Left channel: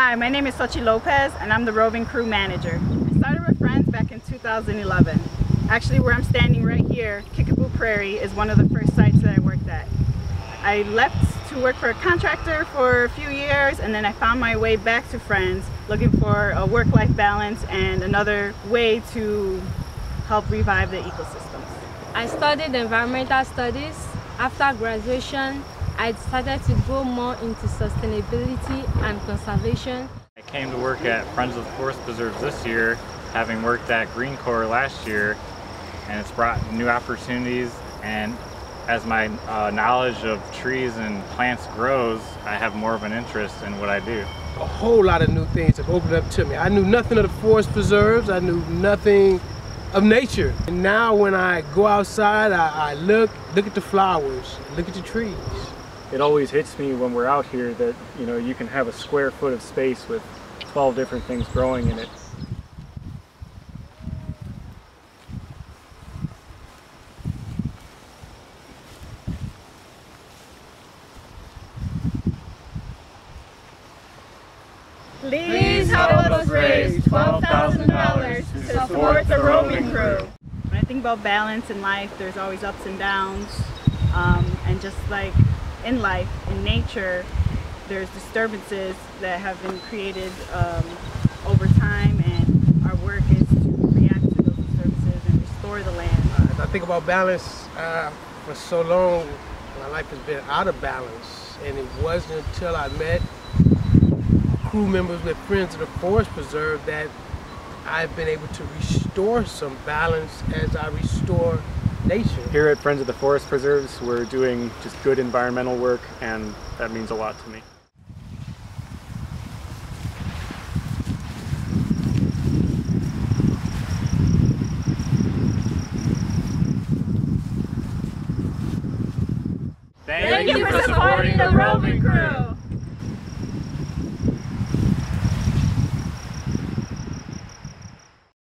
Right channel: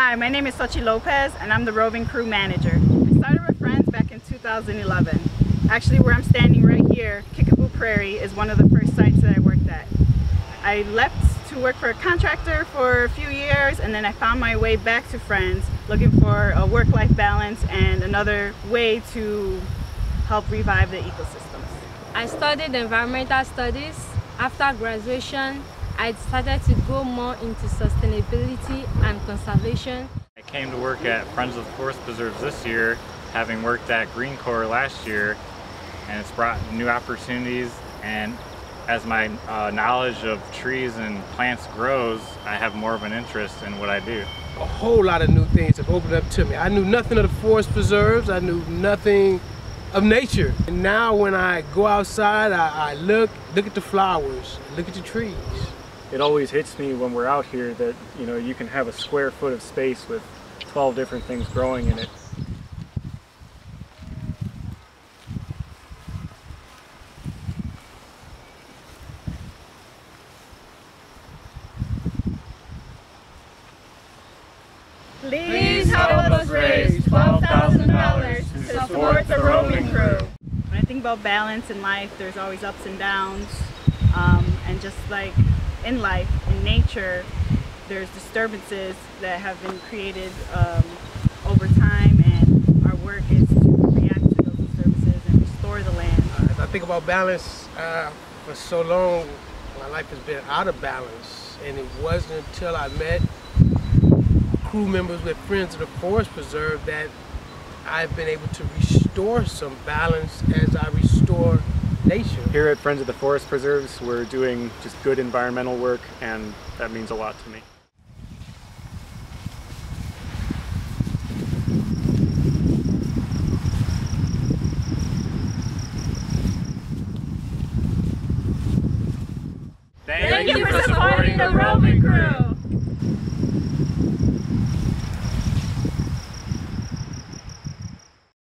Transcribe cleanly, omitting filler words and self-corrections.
Hi, my name is Xochitl Lopez and I'm the roving crew manager. I started with friends back in 2011. Actually, where I'm standing right here, Kickapoo Prairie is one of the first sites that I worked at. I left to work for a contractor for a few years, and then I found my way back to Friends looking for a work-life balance and another way to help revive the ecosystems. I studied environmental studies. After graduation, I decided to go more into sustainability and conservation. I came to work at Friends of the Forest Preserves this year, having worked at Green Corps last year, and it's brought new opportunities, and as my knowledge of trees and plants grows, I have more of an interest in what I do. A whole lot of new things have opened up to me. I knew nothing of the forest preserves, I knew nothing of nature. And now when I go outside, I look at the flowers, look at the trees. It always hits me when we're out here that, you know, you can have a square foot of space with 12 different things growing in it. Please help us raise $12,000 to support the roving crew. When I think about balance in life, there's always ups and downs, and just like in life, in nature, there's disturbances that have been created over time, and our work is to react to those disturbances and restore the land. I think about balance. For so long, my life has been out of balance, and it wasn't until I met crew members with Friends of the Forest Preserve that I've been able to restore some balance as I restore nature. Here at Friends of the Forest Preserves, we're doing just good environmental work, and that means a lot to me. Thank you for supporting the roving crew.